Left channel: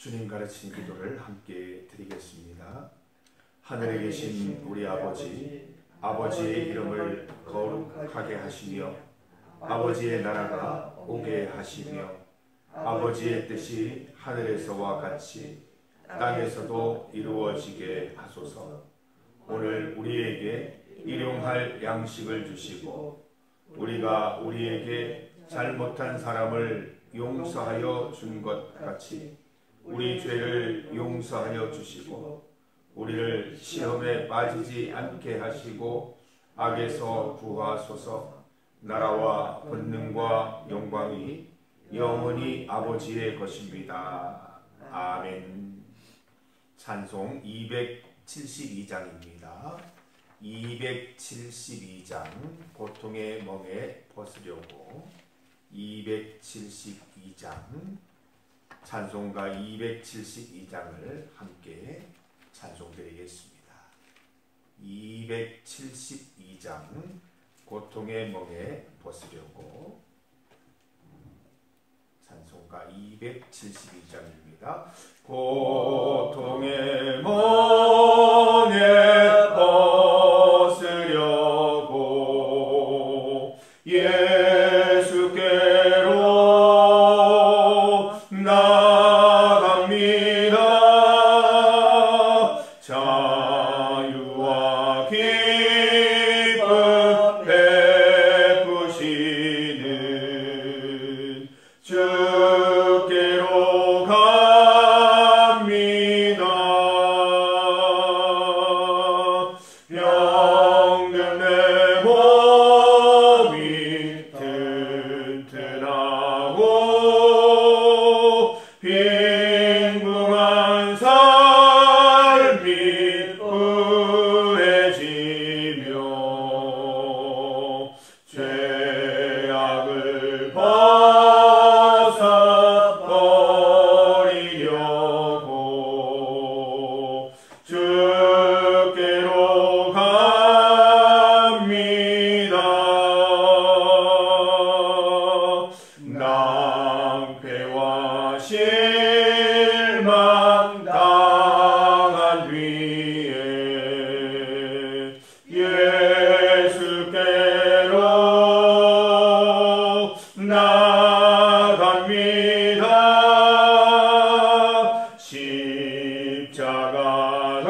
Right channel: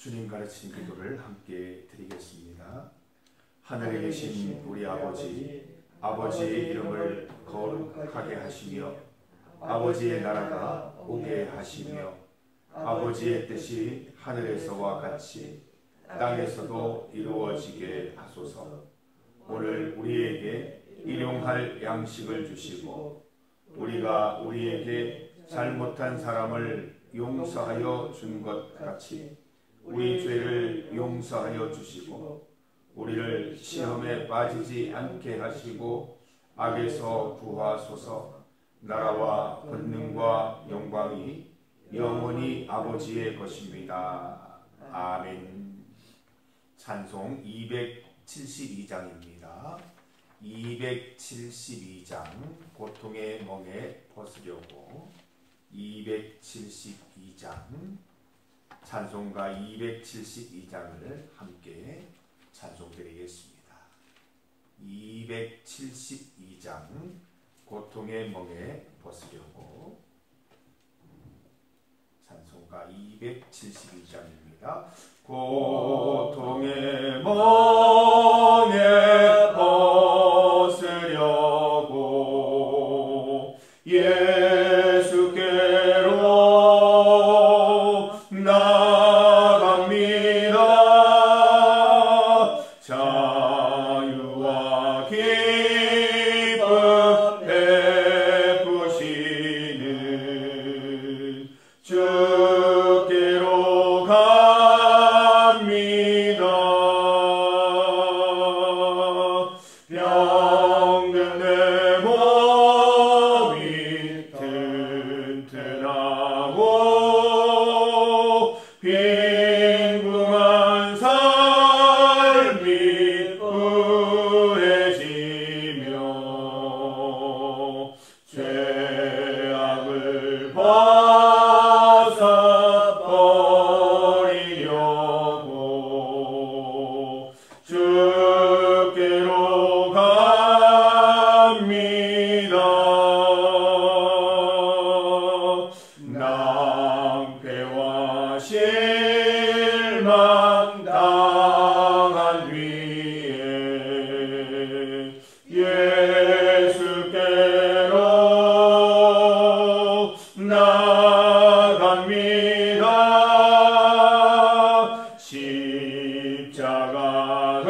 주님 가르친 기도를 함께 드리겠습니다. 하늘에 계신 우리 아버지, 아버지의 이름을 거룩하게 하시며 아버지의 나라가 오게 하시며 아버지의 뜻이 하늘에서와 같이 땅에서도 이루어지게 하소서. 오늘 우리에게 일용할 양식을 주시고 우리가 우리에게 잘못한 사람을 용서하여 준 것 같이 우리 죄를 용서하여 주시고 우리를 시험에 빠지지 않게 하시고 악에서 구하소서. 나라와 권능과 영광이 영원히 아버지의 것입니다. 아멘. 찬송 272장입니다. 272장 고통의 멍에 벗으려고 272장 찬송가 272장을 함께 찬송드리겠습니다. 272장 고통의 멍에 벗으려고 찬송가 272장입니다. 고통의 멍에 벗으려고 예수께로 나갑니다. 자유와 기쁨 베푸시는 주께로 갑니다. 병든 내 몸이 튼튼하고 빈궁한 삶이 후해지며 죄악을 벗어버리려고 주께로 갑니다. 낭패와 실망 당한 뒤에 예수께로 나갑니다. 십자가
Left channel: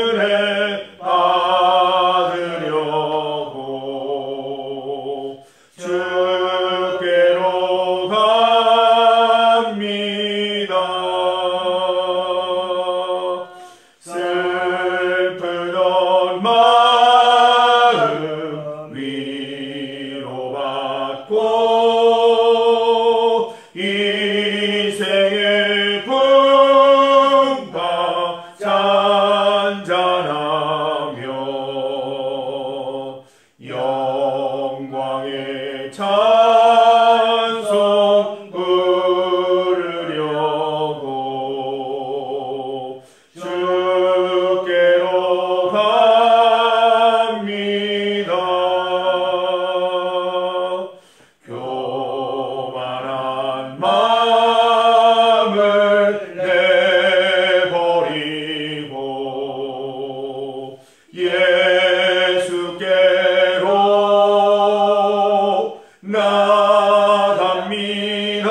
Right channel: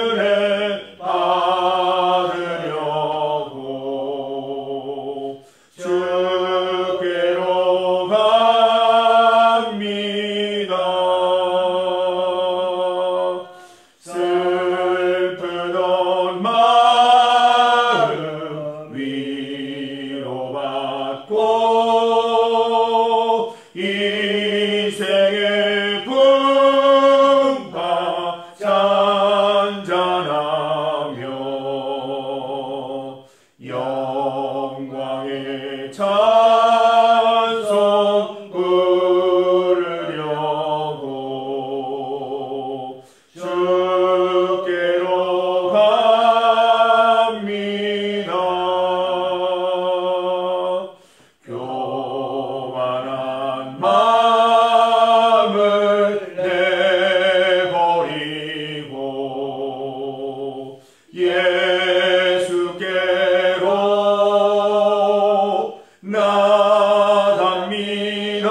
은혜 받으려고 주께로 갑니다. 슬프던 마음 위로받고 인생의 풍파 잔잔하며 영광의 찬송 부르려고 주께로 갑니다. 교만한 마음을 내버리고 예수께로 나갑니다.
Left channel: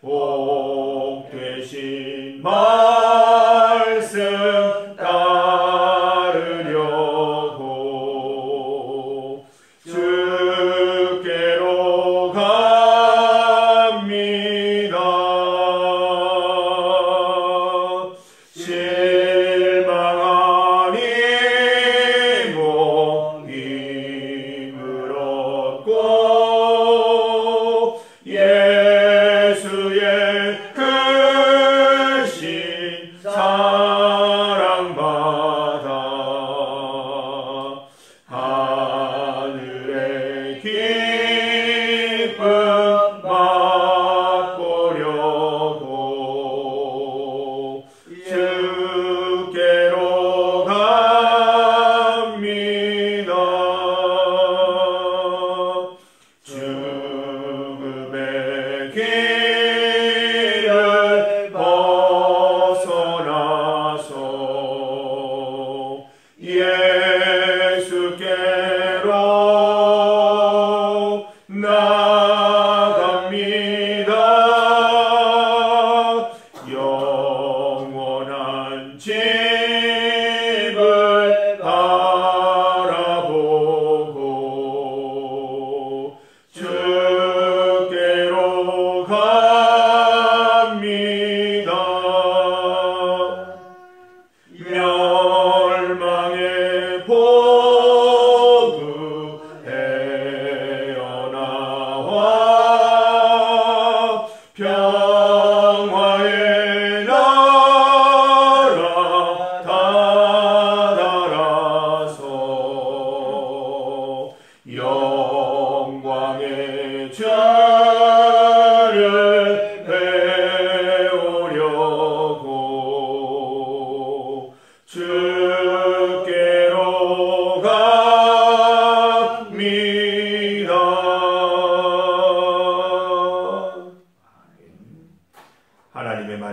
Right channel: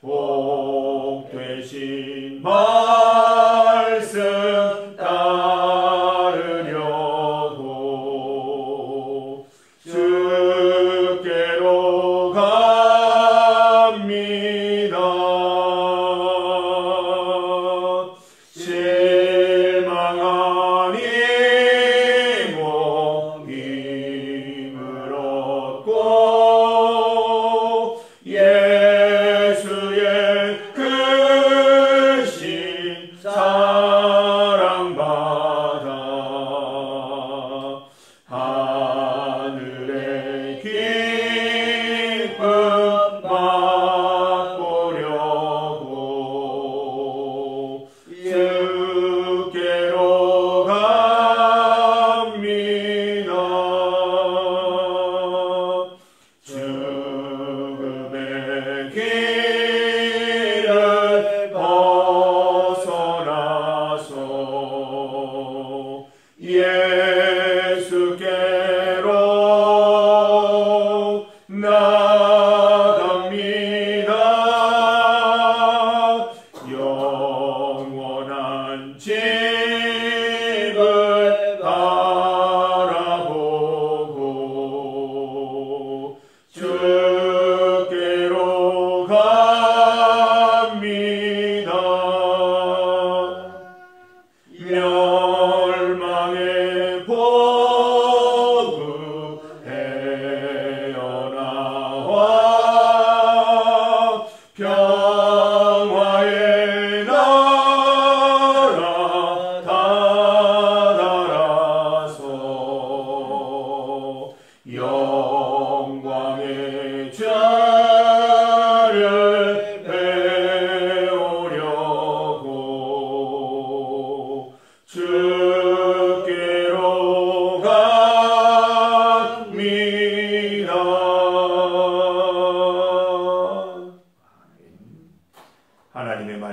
복 되신 말씀 따르려고 주께로 갑니다. 실망한 이모 힘을 얻고 예수의 크신 사랑받아 하늘의 기쁨 맛보려고 주께로 갑니다. 죽음의 길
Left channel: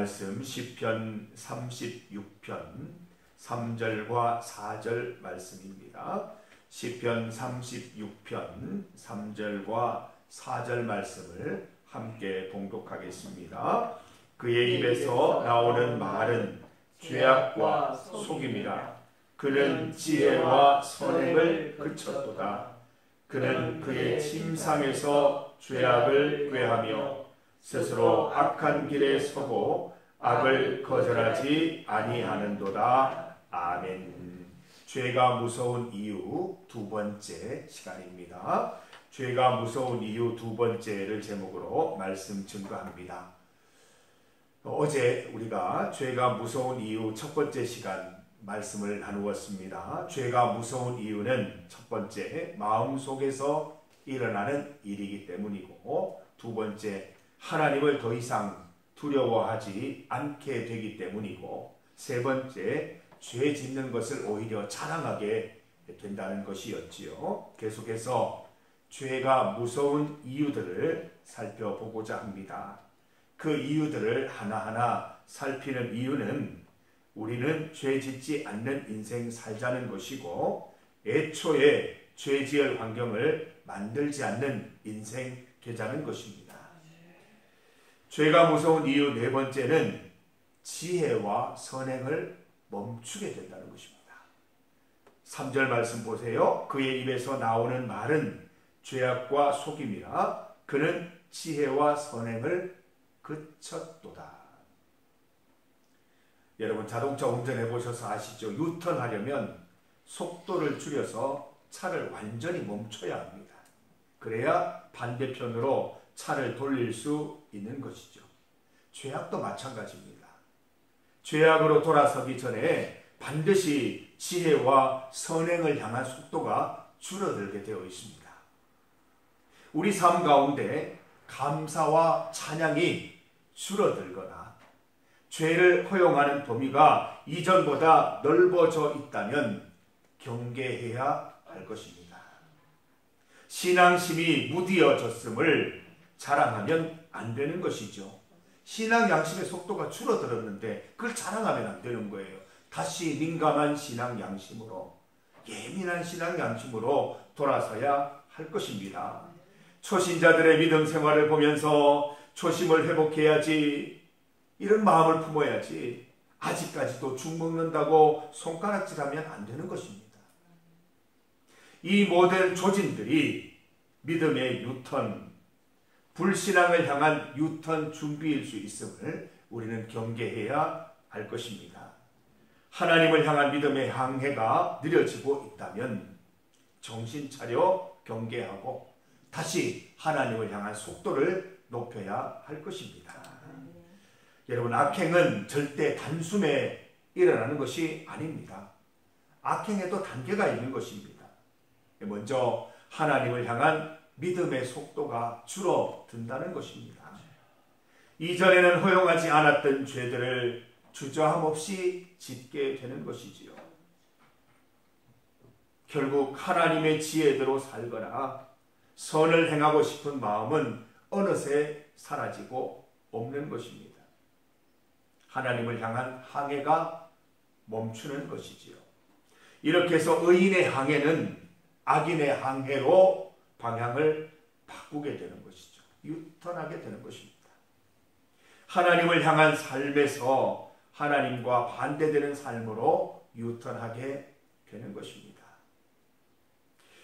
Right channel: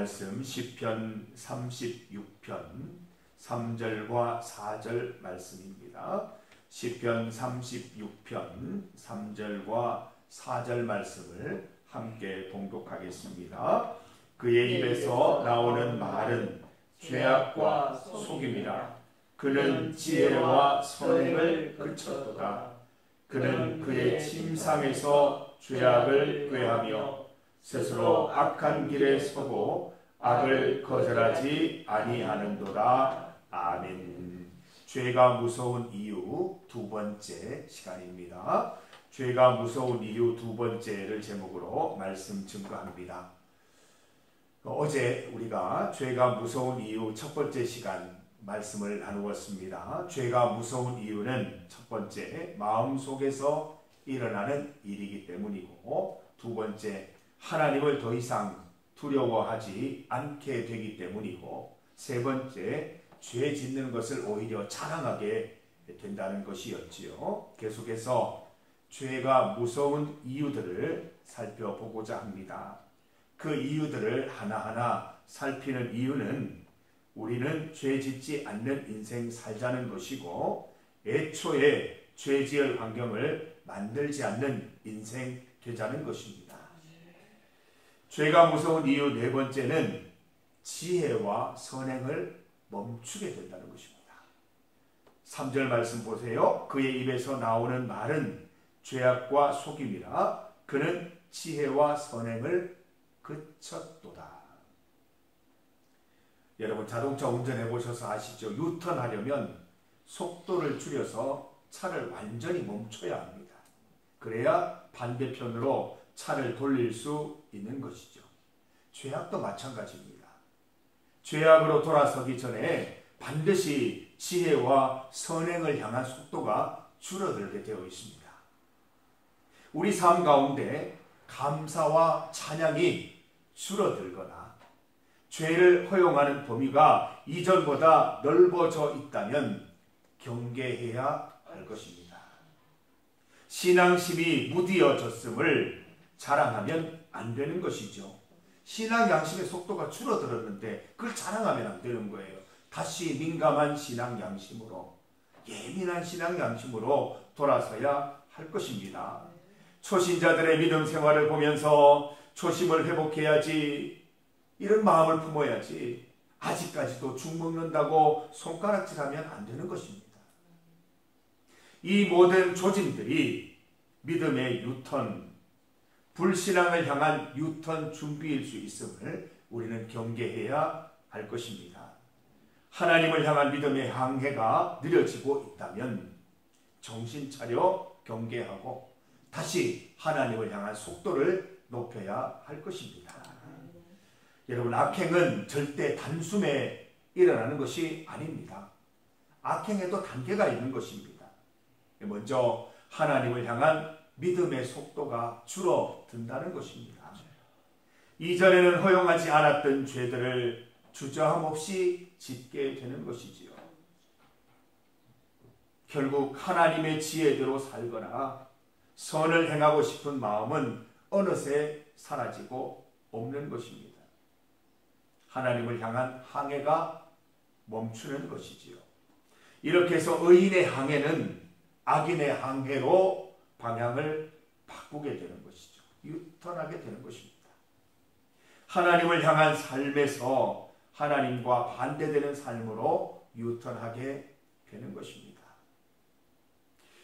말씀 시편 36편 3절과 4절 말씀입니다. 시편 36편 3절과 4절 말씀을 함께 봉독하겠습니다. 그의 입에서 나오는 말은 죄악과 속임이라. 그는 지혜와 선행을 그쳤도다. 그는 그의 침상에서 죄악을 꾀하며 스스로 악한 길에 서고 악을 거절하지 아니하는도다. 아멘. 죄가 무서운 이유 두 번째 시간입니다. 죄가 무서운 이유 두 번째를 제목으로 말씀 증거합니다. 어제 우리가 죄가 무서운 이유 첫 번째 시간 말씀을 나누었습니다. 죄가 무서운 이유는 첫 번째 마음속에서 일어나는 일이기 때문이고, 두 번째 하나님을 더 이상 두려워하지 않게 되기 때문이고, 세 번째 죄 짓는 것을 오히려 자랑하게 된다는 것이었지요. 계속해서 죄가 무서운 이유들을 살펴보고자 합니다. 그 이유들을 하나하나 살피는 이유는 우리는 죄 짓지 않는 인생 살자는 것이고, 애초에 죄 지을 환경을 만들지 않는 인생 되자는 것입니다. 죄가 무서운 이유 네 번째는 지혜와 선행을 멈추게 된다는 것입니다. 3절 말씀 보세요. 그의 입에서 나오는 말은 죄악과 속임이라. 그는 지혜와 선행을 그쳤도다. 여러분 자동차 운전해 보셔서 아시죠? 유턴하려면 속도를 줄여서 차를 완전히 멈춰야 합니다. 그래야 반대편으로 차를 돌릴 수 있는 것이죠. 죄악도 마찬가지입니다. 죄악으로 돌아서기 전에 반드시 지혜와 선행을 향한 속도가 줄어들게 되어 있습니다. 우리 삶 가운데 감사와 찬양이 줄어들거나 죄를 허용하는 범위가 이전보다 넓어져 있다면 경계해야 할 것입니다. 신앙심이 무디어졌음을 자랑하면 안 되는 것이죠. 신앙 양심의 속도가 줄어들었는데 그걸 자랑하면 안 되는 거예요. 다시 민감한 신앙 양심으로, 예민한 신앙 양심으로 돌아서야 할 것입니다. 초신자들의 믿음 생활을 보면서 초심을 회복해야지, 이런 마음을 품어야지, 아직까지도 죽 먹는다고 손가락질하면 안 되는 것입니다. 이 모든 조짐들이 믿음의 유턴, 불신앙을 향한 유턴 준비일 수 있음을 우리는 경계해야 할 것입니다. 하나님을 향한 믿음의 항해가 느려지고 있다면 정신 차려 경계하고 다시 하나님을 향한 속도를 높여야 할 것입니다. 여러분, 악행은 절대 단숨에 일어나는 것이 아닙니다. 악행에도 단계가 있는 것입니다. 먼저 하나님을 향한 믿음의 속도가 줄어든다는 것입니다. 이전에는 허용하지 않았던 죄들을 주저함 없이 짓게 되는 것이지요. 결국 하나님의 지혜대로 살거나 선을 행하고 싶은 마음은 어느새 사라지고 없는 것입니다. 하나님을 향한 항해가 멈추는 것이지요. 이렇게 해서 의인의 항해는 악인의 항해로 방향을 바꾸게 되는 것이죠. 유턴하게 되는 것입니다. 하나님을 향한 삶에서 하나님과 반대되는 삶으로 유턴하게 되는 것입니다.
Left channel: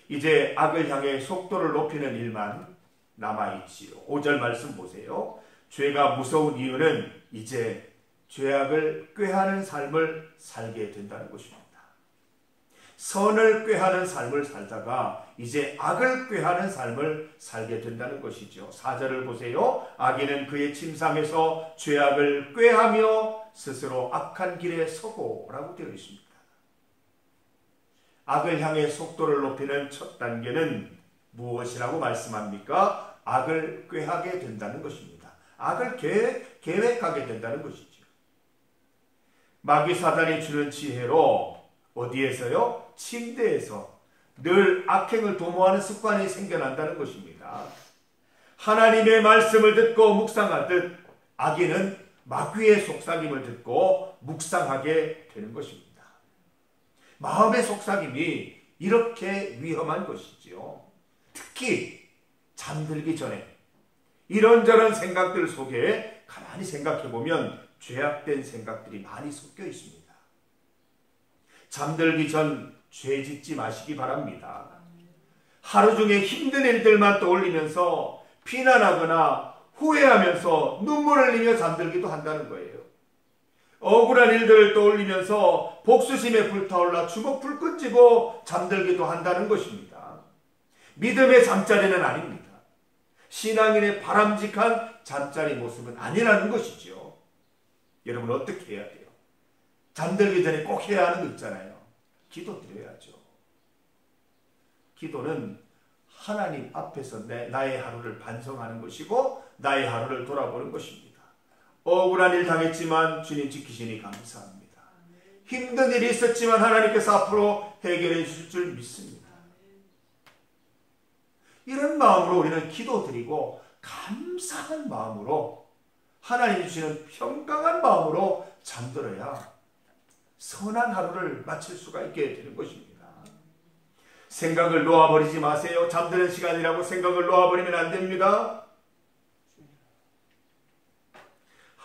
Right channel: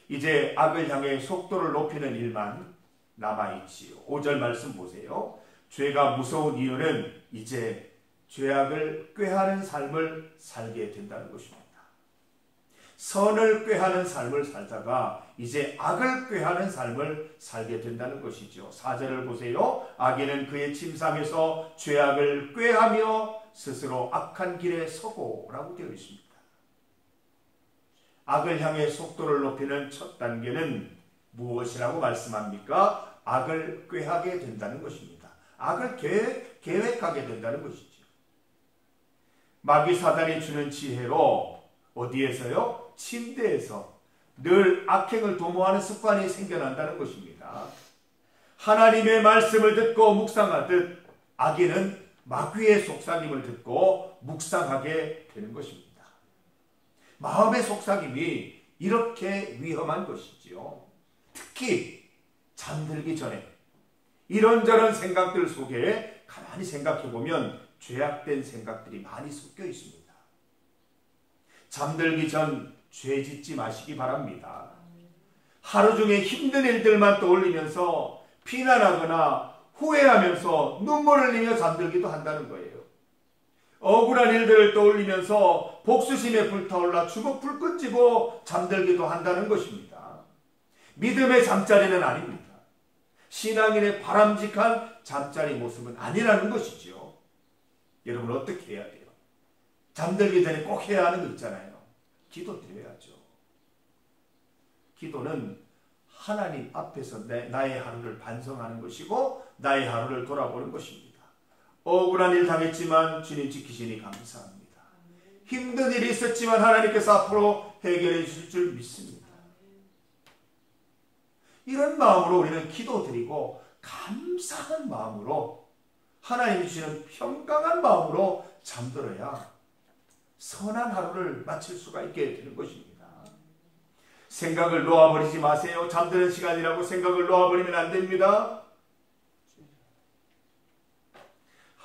이제 악을 향해 속도를 높이는 일만 남아있지요. 5절 말씀 보세요. 죄가 무서운 이유는 이제 죄악을 꾀하는 삶을 살게 된다는 것입니다. 선을 꾀하는 삶을 살다가 이제 악을 꾀하는 삶을 살게 된다는 것이죠. 4절을 보세요. 악인은 그의 침상에서 죄악을 꾀하며 스스로 악한 길에 서고 라고 되어 있습니다. 악을 향해 속도를 높이는 첫 단계는 무엇이라고 말씀합니까? 악을 꾀하게 된다는 것입니다. 악을 계획하게 된다는 것이죠. 마귀 사단이 주는 지혜로 어디에서요? 침대에서 늘 악행을 도모하는 습관이 생겨난다는 것입니다. 하나님의 말씀을 듣고 묵상하듯 악인은 마귀의 속삭임을 듣고 묵상하게 되는 것입니다. 마음의 속삭임이 이렇게 위험한 것이지요. 특히 잠들기 전에 이런저런 생각들 속에 가만히 생각해 보면 죄악된 생각들이 많이 섞여 있습니다. 잠들기 전 죄 짓지 마시기 바랍니다. 하루 중에 힘든 일들만 떠올리면서 비난하거나 후회하면서 눈물을 흘리며 잠들기도 한다는 거예요. 억울한 일들을 떠올리면서 복수심에 불타올라 주먹 불끈 쥐고 잠들기도 한다는 것입니다. 믿음의 잠자리는 아닙니다. 신앙인의 바람직한 잠자리 모습은 아니라는 것이죠. 여러분 어떻게 해야 돼요? 잠들기 전에 꼭 해야 하는 거 있잖아요. 기도 드려야죠. 기도는 하나님 앞에서 나의 하루를 반성하는 것이고 나의 하루를 돌아보는 것입니다. 억울한 일 당했지만 주님 지키시니 감사합니다. 힘든 일이 있었지만 하나님께서 앞으로 해결해 주실 줄 믿습니다. 이런 마음으로 우리는 기도드리고 감사한 마음으로 하나님이 주시는 평강한 마음으로 잠들어야 선한 하루를 마칠 수가 있게 되는 것입니다. 생각을 놓아버리지 마세요. 잠드는 시간이라고 생각을 놓아버리면 안 됩니다.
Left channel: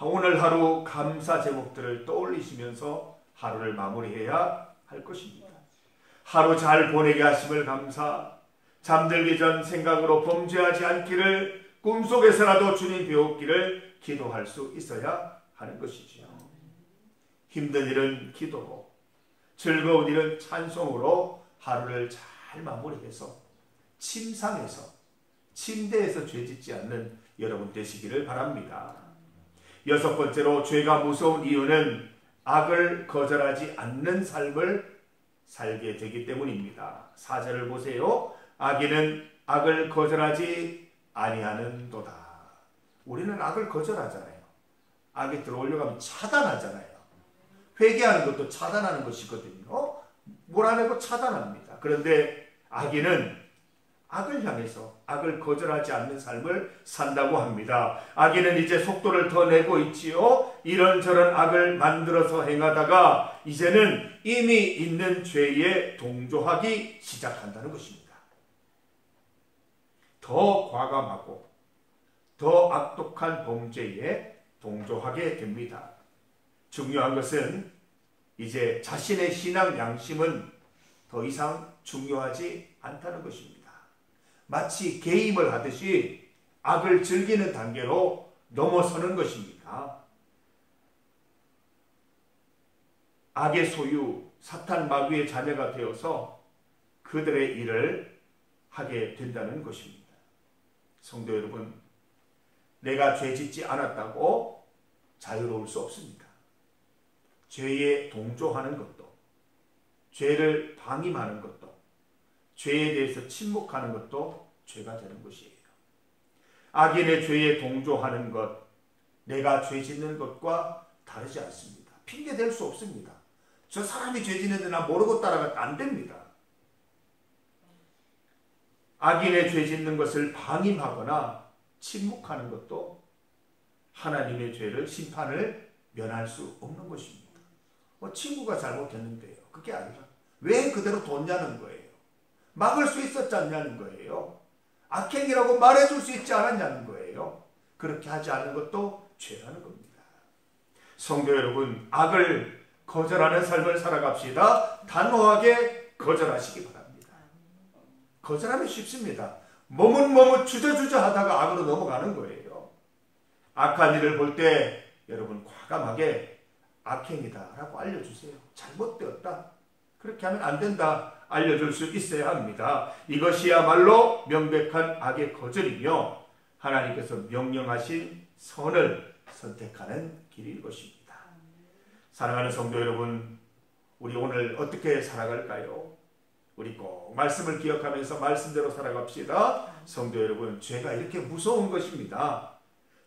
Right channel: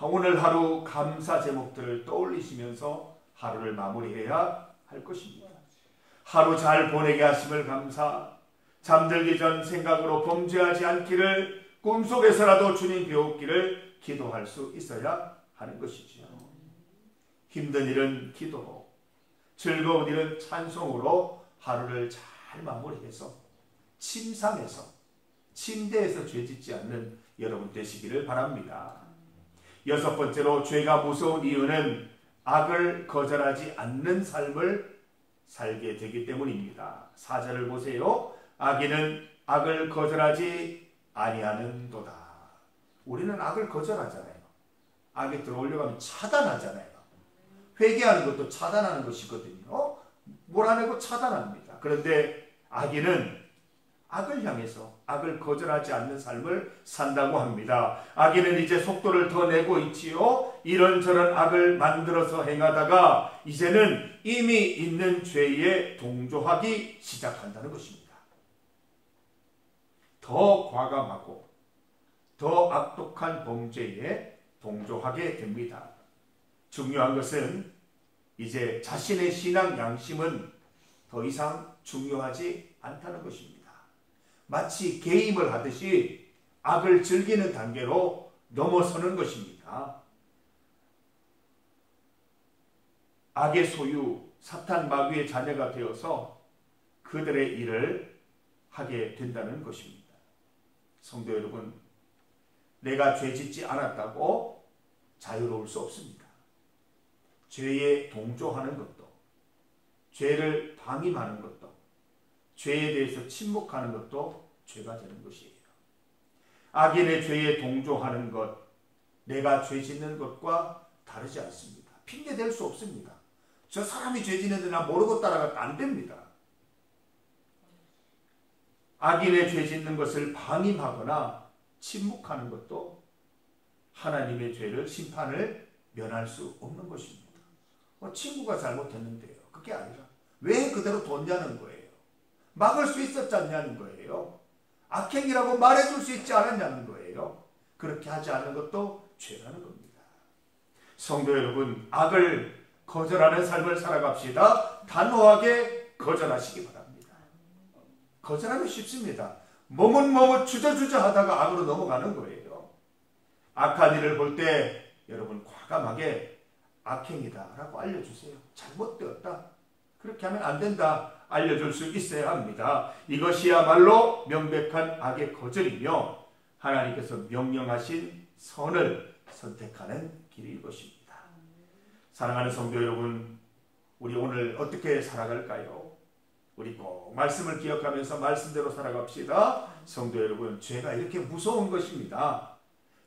오늘 하루 감사 제목들을 떠올리시면서 하루를 마무리해야 할 것입니다. 하루 잘 보내게 하심을 감사, 잠들기 전 생각으로 범죄하지 않기를 꿈속에서라도 주님 배웠기를 기도할 수 있어야 하는 것이지요. 힘든 일은 기도로, 즐거운 일은 찬송으로 하루를 잘 마무리해서 침상에서, 침대에서 죄짓지 않는 여러분 되시기를 바랍니다. 여섯 번째로 죄가 무서운 이유는 악을 거절하지 않는 삶을 살게 되기 때문입니다. 4절을 보세요. 악인은 악을 거절하지 아니하는도다. 우리는 악을 거절하잖아요. 악이 들어오려고 하면 차단하잖아요. 회개하는 것도 차단하는 것이거든요. 몰아내고 차단합니다. 그런데 악인은 악을 향해서 악을 거절하지 않는 삶을 산다고 합니다. 악인은 이제 속도를 더 내고 있지요. 이런저런 악을 만들어서 행하다가 이제는 이미 있는 죄에 동조하기 시작한다는 것입니다. 더 과감하고 더 악독한 범죄에 동조하게 됩니다. 중요한 것은 이제 자신의 신앙 양심은 더 이상 중요하지 않다는 것입니다. 마치 게임을 하듯이 악을 즐기는 단계로 넘어서는 것입니다. 악의 소유, 사탄 마귀의 자녀가 되어서 그들의 일을 하게 된다는 것입니다. 성도 여러분, 내가 죄짓지 않았다고 자유로울 수 없습니다. 죄에 동조하는 것도, 죄를 방임하는 것도, 죄에 대해서 침묵하는 것도 죄가 되는 것이에요. 악인의 죄에 동조하는 것, 내가 죄 짓는 것과 다르지 않습니다. 핑계 댈 수 없습니다. 저 사람이 죄 짓는데 나 모르고 따라가면 안 됩니다. 악인의 죄 짓는 것을 방임하거나 침묵하는 것도 하나님의 죄를, 심판을 면할 수 없는 것입니다. 친구가 잘못했는데요. 그게 아니라 왜 그대로 뒀냐는 거예요. 막을 수 있었지 않냐는 거예요. 악행이라고 말해줄 수 있지 않았냐는 거예요. 그렇게 하지 않는 것도 죄라는 겁니다. 성도 여러분, 악을 거절하는 삶을 살아갑시다. 단호하게 거절하시기 바랍니다. 거절하면 쉽습니다. 머뭇머뭇 주저주저 하다가 악으로 넘어가는 거예요. 악한 일을 볼 때 여러분 과감하게 악행이다 라고 알려주세요. 잘못되었다. 그렇게 하면 안 된다. 알려줄 수 있어야 합니다. 이것이야말로 명백한 악의 거절이며 하나님께서 명령하신 선을 선택하는 길일 것입니다. 사랑하는 성도 여러분, 우리 오늘 어떻게 살아갈까요? 우리 꼭 말씀을 기억하면서 말씀대로 살아갑시다. 성도 여러분, 죄가 이렇게 무서운 것입니다.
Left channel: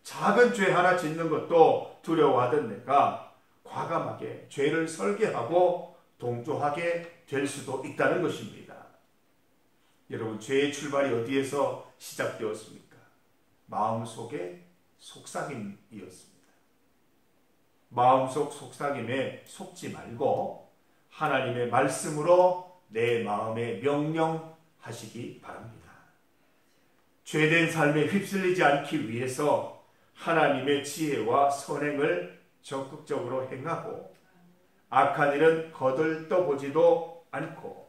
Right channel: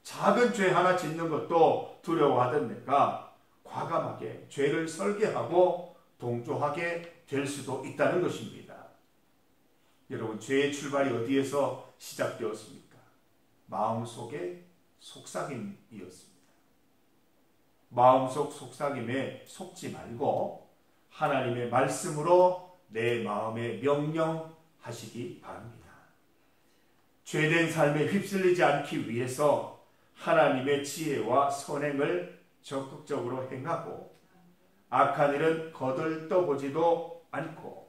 작은 죄 하나 짓는 것도 두려워하던 내가 과감하게 죄를 설계하고 동조하게 될 수도 있다는 것입니다. 여러분, 죄의 출발이 어디에서 시작되었습니까? 마음속의 속삭임이었습니다. 마음속 속삭임에 속지 말고 하나님의 말씀으로 내 마음에 명령하시기 바랍니다. 죄된 삶에 휩쓸리지 않기 위해서 하나님의 지혜와 선행을 적극적으로 행하고 악한 일은 거들떠보지도 않고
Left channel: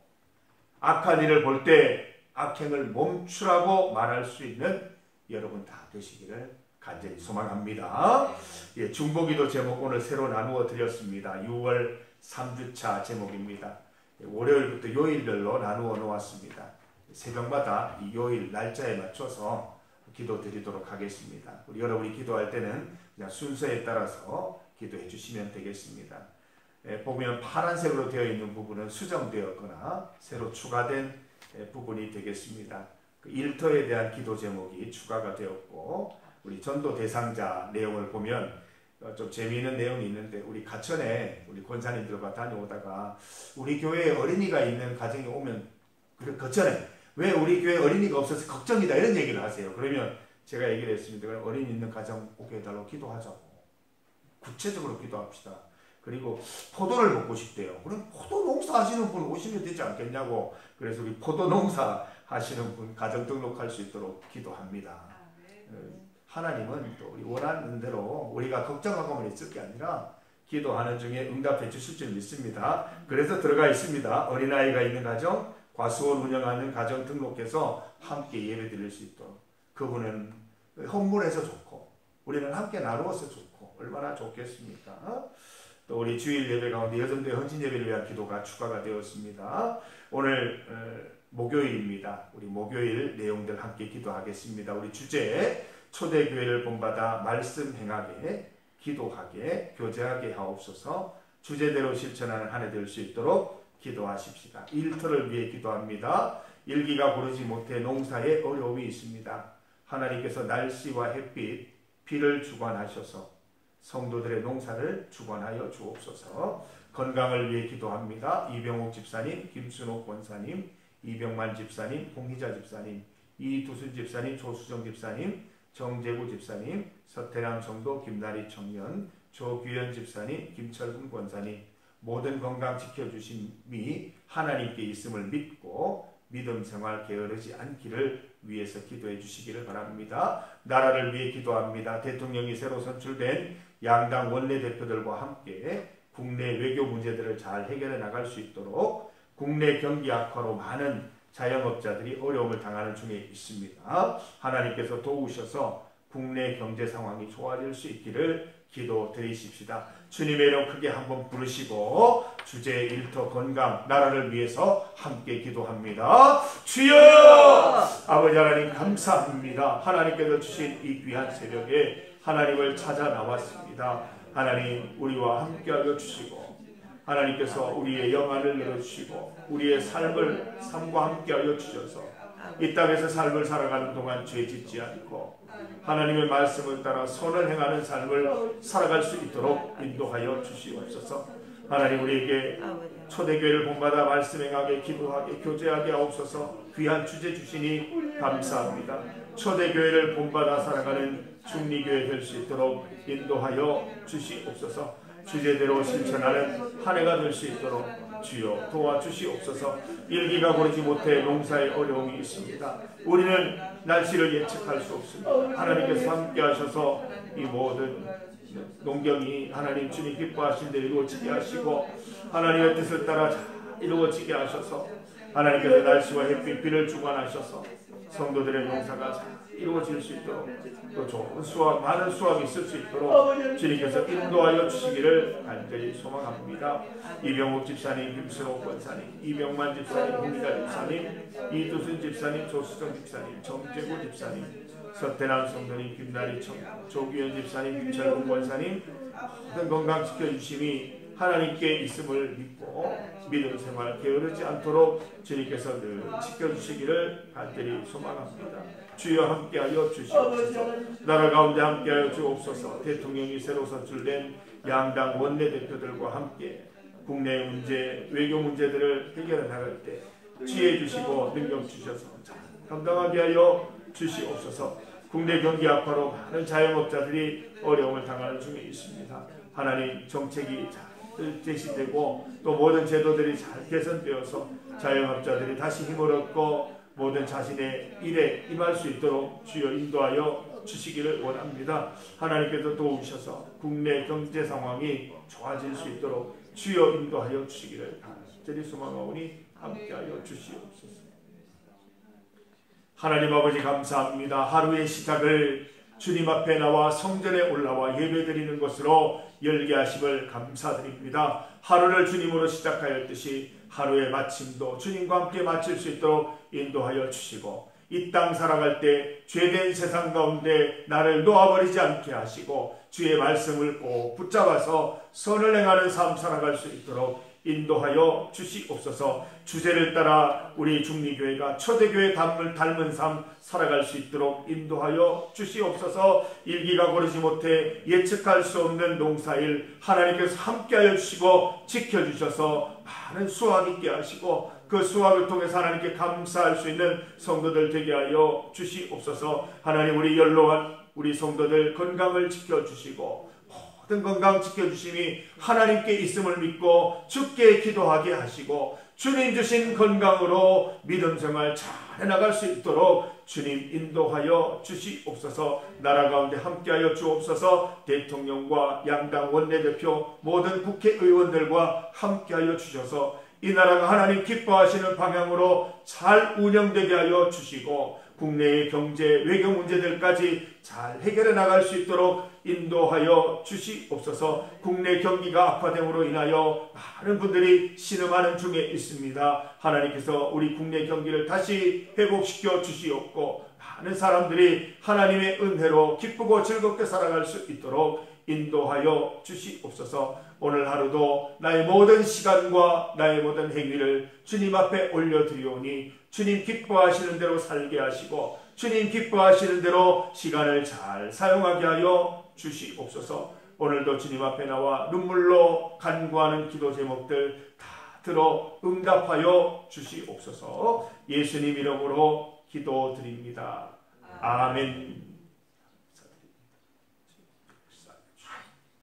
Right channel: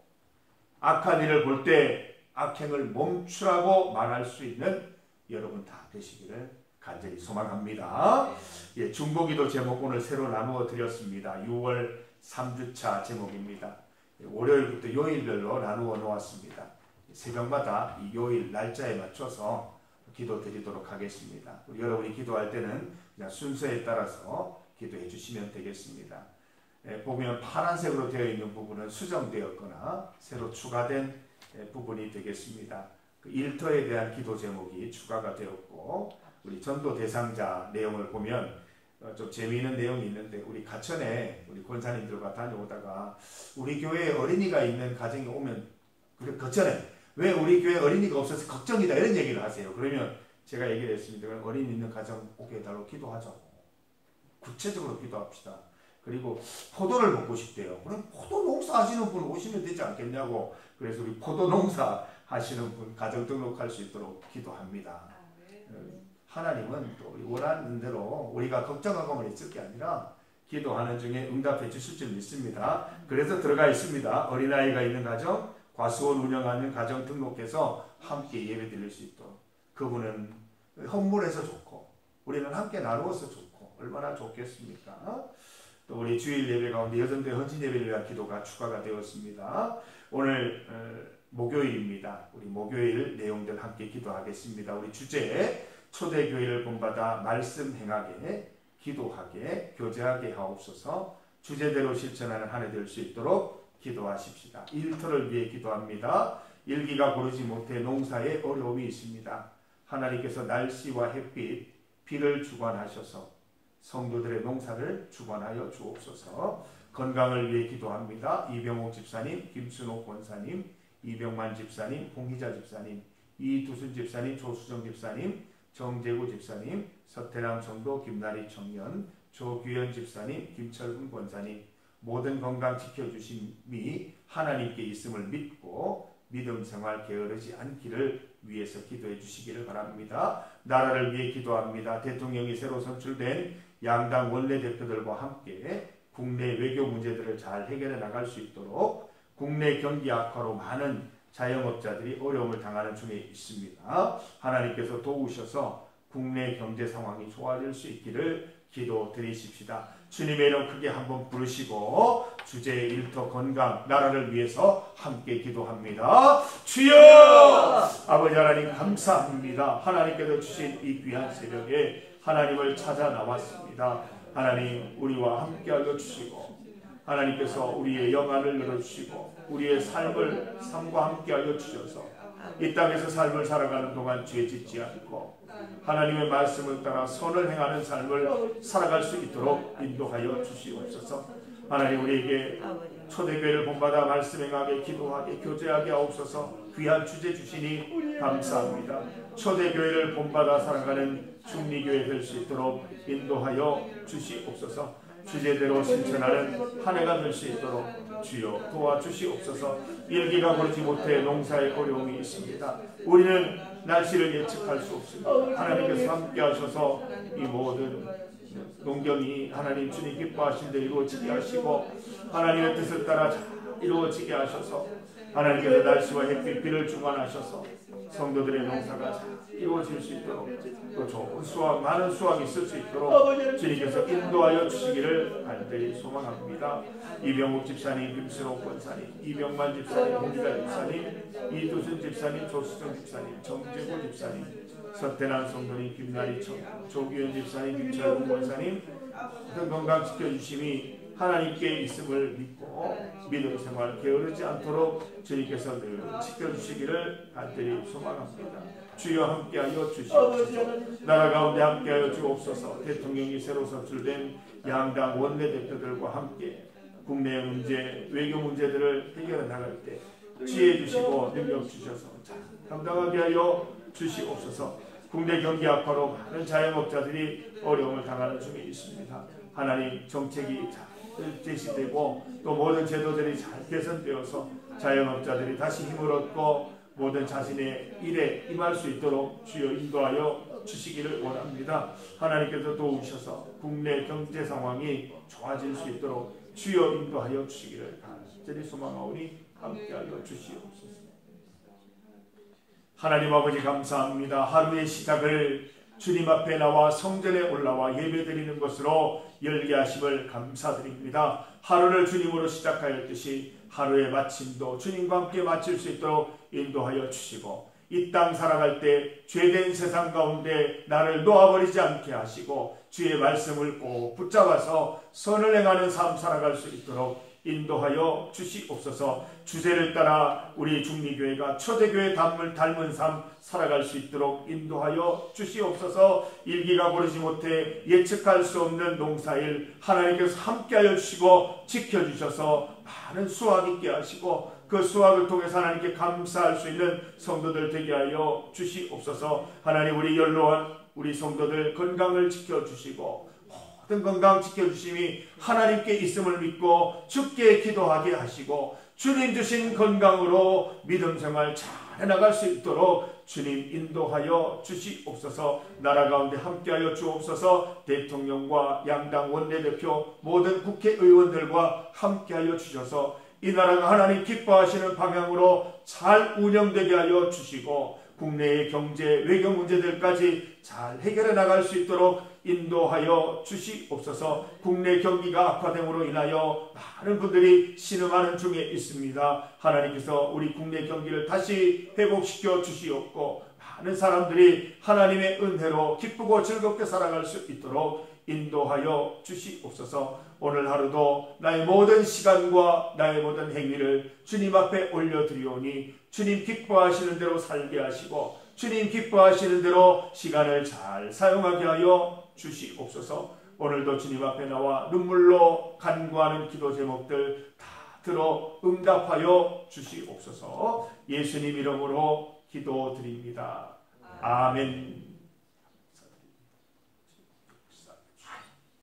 악한 일을 볼 때 악행을 멈추라고 말할 수 있는 여러분 다 되시기를 간절히 소망합니다. 예, 중보기도 제목 오늘 새로 나누어 드렸습니다. 6월 3주차 제목입니다. 월요일부터 요일별로 나누어 놓았습니다. 새벽마다 이 요일 날짜에 맞춰서 기도 드리도록 하겠습니다. 우리 여러분이 기도할 때는 그냥 순서에 따라서 기도해 주시면 되겠습니다. 보면 파란색으로 되어 있는 부분은 수정되었거나 새로 추가된 부분이 되겠습니다. 그 일터에 대한 기도 제목이 추가가 되었고 우리 전도 대상자 내용을 보면 좀 재미있는 내용이 있는데 우리 가천에 우리 권사님들과 다녀오다가 우리 교회에 어린이가 있는 가정이 오면 거천에 왜 우리 교회에 어린이가 없어서 걱정이다 이런 얘기를 하세요. 그러면 제가 얘기를 했습니다. 그럼 어린이 있는 가정 오게 해달라고 기도하자고. 구체적으로 기도합시다. 그리고 포도를 먹고 싶대요. 그럼 포도 농사 하시는 분 오시면 되지 않겠냐고. 그래서 우리 포도 농사 하시는 분 가정 등록할 수 있도록 기도합니다. 하나님은 또 우리 원하는 대로 우리가 걱정하고만 있을 게 아니라 기도하는 중에 응답해 주실 줄 믿습니다. 그래서 들어가 있습니다. 어린아이가 있는 가정, 과수원 운영하는 가정 등록해서 함께 예배 드릴 수 있도록. 그분은 헌물해서 좋고 우리는 함께 나누어서 좋고 얼마나 좋겠습니까? 또 우리 주일 예배 가운데 여전도의 헌신 예배를 위한 기도가 추가가 되었습니다. 오늘 목요일입니다. 우리 목요일 내용들 함께 기도하겠습니다. 우리 주제 초대교회를 본받아 말씀 행하게 기도하게 교제하게 하옵소서. 주제대로 실천하는 한 해 될 수 있도록 기도하십시다. 일터를 위해 기도합니다. 일기가 고르지 못해 농사에 어려움이 있습니다. 하나님께서 날씨와 햇빛, 비를 주관하셔서 성도들의 농사를 주관하여 주옵소서. 건강을 위해 기도합니다. 이병옥 집사님, 김순옥 권사님, 이병만 집사님, 홍희자 집사님, 이두순 집사님, 조수정 집사님, 정재구 집사님, 서태남 성도, 김나리 청년, 조규현 집사님, 김철근 권사님 모든 건강 지켜주심이 하나님께 있음을 믿고 믿음 생활 게으르지 않기를 위해서 기도해 주시기를 바랍니다. 나라를 위해 기도합니다. 대통령이 새로 선출된 양당 원내대표들과 함께 국내 외교 문제들을 잘 해결해 나갈 수 있도록 국내 경기 악화로 많은 자영업자들이 어려움을 당하는 중에 있습니다. 하나님께서 도우셔서 국내 경제 상황이 좋아질 수 있기를 기도 드리십시다. 주님의 이름 크게 한번 부르시고 주제 일터 건강 나라를 위해서 함께 기도합니다. 주여! 아버지 하나님 감사합니다. 하나님께서 주신 이 귀한 새벽에 하나님을 찾아 나왔습니다. 하나님 우리와 함께하여 주시고 하나님께서 우리의 영안을 열어주시고 우리의 삶과 함께하여 주셔서 이 땅에서 삶을 살아가는 동안 죄 짓지 않고 하나님의 말씀을 따라 선을 행하는 삶을 살아갈 수 있도록 인도하여 주시옵소서. 하나님 우리에게 초대교회를 본받아 말씀 행하게 기도하게 교제하게 하옵소서. 귀한 주제 주시니 감사합니다. 초대교회를 본받아 살아가는 중리교회 될 수 있도록 인도하여 주시옵소서. 주제대로 실천하는 한 해가 될 수 있도록 주여 도와주시옵소서. 일기가 고르지 못해 농사에 어려움이 있습니다. 우리는 날씨를 예측할 수 없습니다. 하나님께서 함께 하셔서 이 모든 농경이 하나님 주님 기뻐하신 대로 이루어지게 하시고 하나님의 뜻을 따라 이루어지게 하셔서 하나님께서 날씨와 햇빛 비를 주관하셔서 성도들의 농사가 잘 이루어질 수 있도록 또 좋은 수확 많은 수확이 있을 수 있도록 주님께서 인도하여 주시기를 간절히 소망합니다. 이병옥 집사님, 김순옥 권사님, 이병만 집사님, 홍기자 집사님, 이두순 집사님, 조수정 집사님, 정재구 집사님, 서태남 성도님, 김나리 청년, 조규현 집사님, 김철근 권사님 모든 건강 지켜주심이 하나님께 있음을 믿고 믿음 생활 게으르지 않도록 주님께서 늘 지켜주시기를 간절히 소망합니다. 주여 함께하여 주시옵소서. 나라 가운데 함께하여 주옵소서. 대통령이 새로 선출된 양당 원내대표들과 함께 국내 문제, 외교 문제들을 해결해 나갈 때 지혜 주시고 능력 주셔서 감당하게 하여 주시옵소서. 국내 경기 악화로 많은 자영업자들이 어려움을 당하는 중에 있습니다. 하나님 정책이 잘 제시되고 또 모든 제도들이 잘 개선되어서 자영업자들이 다시 힘을 얻고 모든 자신의 일에 임할 수 있도록 주여 인도하여 주시기를 원합니다. 하나님께서 도우셔서 국내 경제 상황이 좋아질 수 있도록 주여 인도하여 주시기를 간절히 소망하오니 함께하여 주시옵소서. 하나님 아버지 감사합니다. 하루의 시작을 주님 앞에 나와 성전에 올라와 예배드리는 것으로 열게 하심을 감사드립니다. 하루를 주님으로 시작하였듯이 하루의 마침도 주님과 함께 마칠 수 있도록 인도하여 주시고 이 땅 살아갈 때 죄된 세상 가운데 나를 놓아버리지 않게 하시고 주의 말씀을 꼭 붙잡아서 선을 행하는 삶 살아갈 수 있도록 인도하여 주시옵소서. 주제를 따라 우리 중리교회가 초대교회 닮은 삶 살아갈 수 있도록 인도하여 주시옵소서. 일기가 고르지 못해 예측할 수 없는 농사일 하나님께서 함께하여 주시고 지켜주셔서 많은 수확 있게 하시고 그 수확을 통해서 하나님께 감사할 수 있는 성도들 되게 하여 주시옵소서. 하나님 우리 연로한 우리 성도들 건강을 지켜주시고 모든 건강 지켜주심이 하나님께 있음을 믿고 주께 기도하게 하시고 주님 주신 건강으로 믿음 생활 잘 해나갈 수 있도록 주님 인도하여 주시옵소서. 나라 가운데 함께하여 주옵소서. 대통령과 양당 원내대표 모든 국회의원들과 함께하여 주셔서 이 나라가 하나님 기뻐하시는 방향으로 잘 운영되게 하여 주시고 국내의 경제 외교 문제들까지 잘 해결해 나갈 수 있도록 인도하여 주시옵소서. 국내 경기가 악화됨으로 인하여 많은 분들이 신음하는 중에 있습니다. 하나님께서 우리 국내 경기를 다시 회복시켜 주시옵고 많은 사람들이 하나님의 은혜로 기쁘고 즐겁게 살아갈 수 있도록 인도하여 주시옵소서. 오늘 하루도 나의 모든 시간과 나의 모든 행위를 주님 앞에 올려드리오니 주님 기뻐하시는 대로 살게 하시고 주님 기뻐하시는 대로 시간을 잘 사용하게 하여 주시옵소서. 오늘도 주님 앞에 나와 눈물로 간구하는 기도 제목들 다 들어 응답하여 주시옵소서. 예수님 이름으로 기도드립니다. 아멘.